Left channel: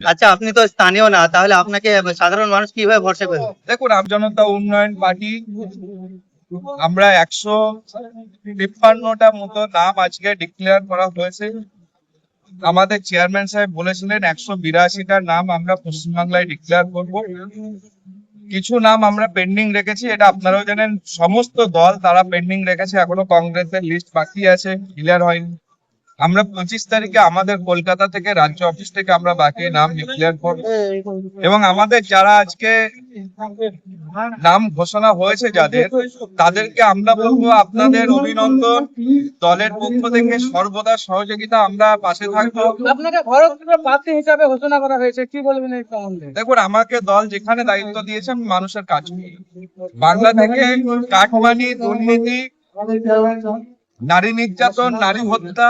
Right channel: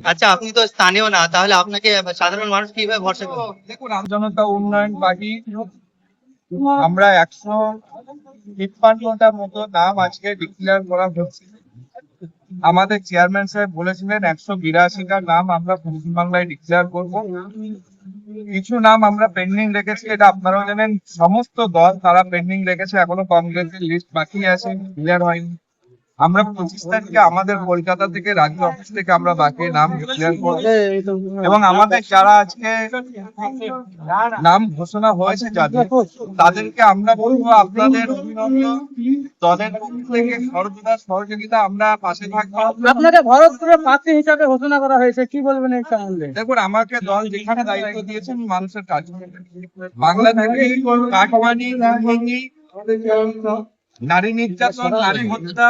আচ্ছা, আপনি তো স্থানীয় না, তাহলে আপনাকে সাধারণ মানুষ কিভাবে ভরসা করবে? দেখুন, আমজনতা উন্নয়ন পার্টি আমরা 153টা মতো নাম আজকে ডিক্লেয়ার করা হয়েছে। আমাদের চেয়ারম্যান সাহেব বলেছিলেন 182টা নাম আমরা পশ্চিমবাংলায় ডিক্লেয়ার করব। কিছু নাম আমরা পেন্ডিং রেখেছি, এটা আপনারাও জানেন। সমস্ত দল তারা পেন্ডিং রেখেছে, এখনো কংগ্রেসের লিস্ট বাকি আছে, ক্লিয়ার হয়নি। আমরা 25 তারিখে আমাদের কলকাতা থেকে রাজ্য অফিস থেকে আমরা বাকি নাম ডিক্লেয়ার করব। এবং আমাদের যারা আজকে নাম ঘোষণা হয়েছে যাদের, তাদেরকে আমরা বলবো আপনাদের অভিনন্দন। দলের পক্ষ থেকে সর্বদা সহযোগিতা, আমরা পাশে থাকবো। আপনাকে ভরতপুরের প্রার্থী হিসাবে ঘোষণা করা হয়েছে, কি বলবেন এই সম্বন্ধে? দেখুন, আমাকে দল যেখানে দায়িত্ব দিয়েছে আমি মানুষের কাজ করি। বাংলা থেকে কাটমানি, দুর্নীতি, নারী নির্যাতন, নারী হত্যা,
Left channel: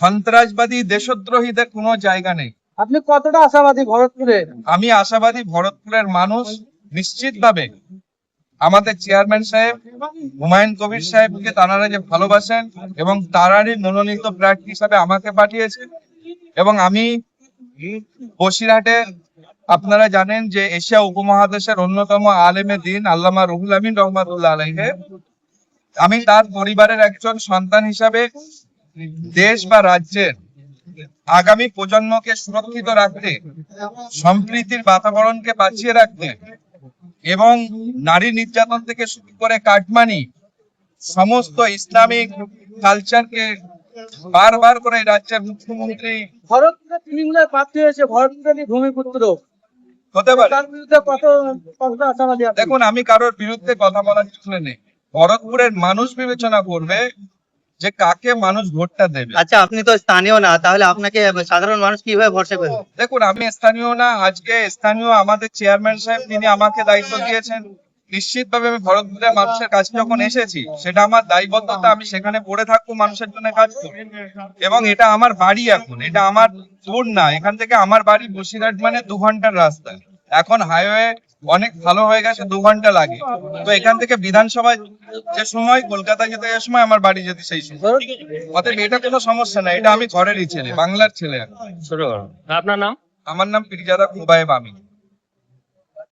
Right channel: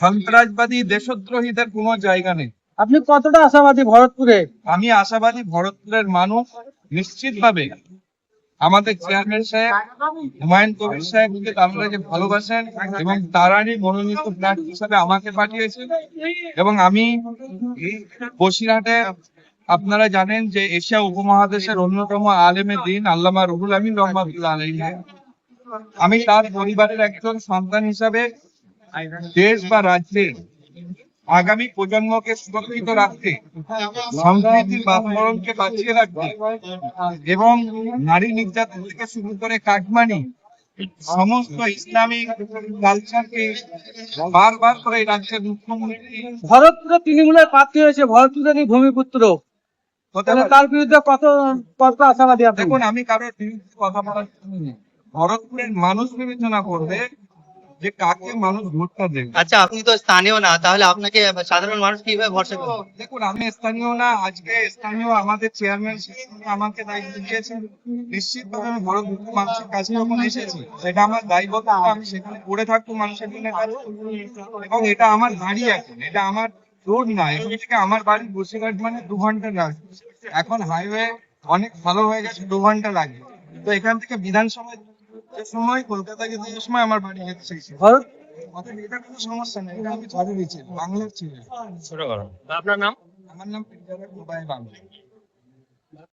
সন্ত্রাসবাদী, দেশদ্রোহীদের কোনো জায়গা নেই। আপনি কতটা আশাবাদী ভরতপুরে? আমি আশাবাদী ভরতপুরের মানুষ নিশ্চিতভাবে আমাদের চেয়ারম্যান সাহেব হুমায়ুন কবির সাহেবকে তারা যে ভালোবাসেন এবং তারারই মনোনীত প্রার্থী হিসাবে আমাকে পাঠিয়েছে। এবং আমি বসিরহাটে, আপনারা জানেন যে এশিয়া উপমহাদেশের অন্যতম আলেমে দ্বীন আল্লামা রুহুল আমিন রহমাতুল্লাহ আলাইহি, আমি তার পরিবারের একজন সন্তান হিসাবে দেশ বা রাজ্যের আগামী প্রজন্মকে সুরক্ষিত রাখতে, সম্প্রীতির বাতাবরণকে বাঁচিয়ে রাখতে এবং নারী নির্যাতন থেকে শুরু করে কাটমানি, সমস্ত ইসলামিক কালচারকে বারবার করে এই রাজ্যের মুখ্যমন্ত্রী ভরতপুরে তৃণমূলের প্রার্থী হয়েছে, ভরতপুরেরই ভূমিপুত্র, হতে পারে। তার বিরুদ্ধে কত আশাবাদী আপনি? দেখুন, আমি কারোর বিরুদ্ধে কথা বলার জন্য নেই। ভরতপুরের মানুষ বিবেচনা করবে যে কাকে মানুষ ভোটটা দেবে। আচ্ছা, আপনি তো স্থানীয় না, তাহলে আপনাকে সাধারণ মানুষ কিভাবে ভরসা করবে? দেখুন, আমি স্থানীয় না, আজকে স্থানীয় আমাদের চেয়ারম্যান সাহেব, তিনি আমাকে দায়িত্ব দিয়েছেন। নিশ্চিতভাবে আমি ভরতপুরের মানুষের কাছে যখন এসেছি, সেটা আমার দায়বদ্ধতা, আমি সেখানে পড়ে থাকবো, মানুষের জন্য কাজ করবো। এবং এটা আমার বাড়ি, এখন এটা আমার দূর না, এখান থেকে আমার বাড়ি বসিরহাট মানে 2 ঘন্টার রাস্তা। এখন হাইওয়ে অনেক ভালো হয়ে গেছে, 2 ঘন্টা লাগে। তো এখান থেকে বিধানসভায় যে সময়, কলকাতা যেতে যে সময়, আমার বাড়ি যেতে সেই সময়। অতএব এটা কোনো সমস্যা না, এটা আমি ঘরেরই ছেলে, বাংলার ছেলে। শুরু করুন। আপনার নাম? আমার নাম পিরজাদা খুবাইব আমিন।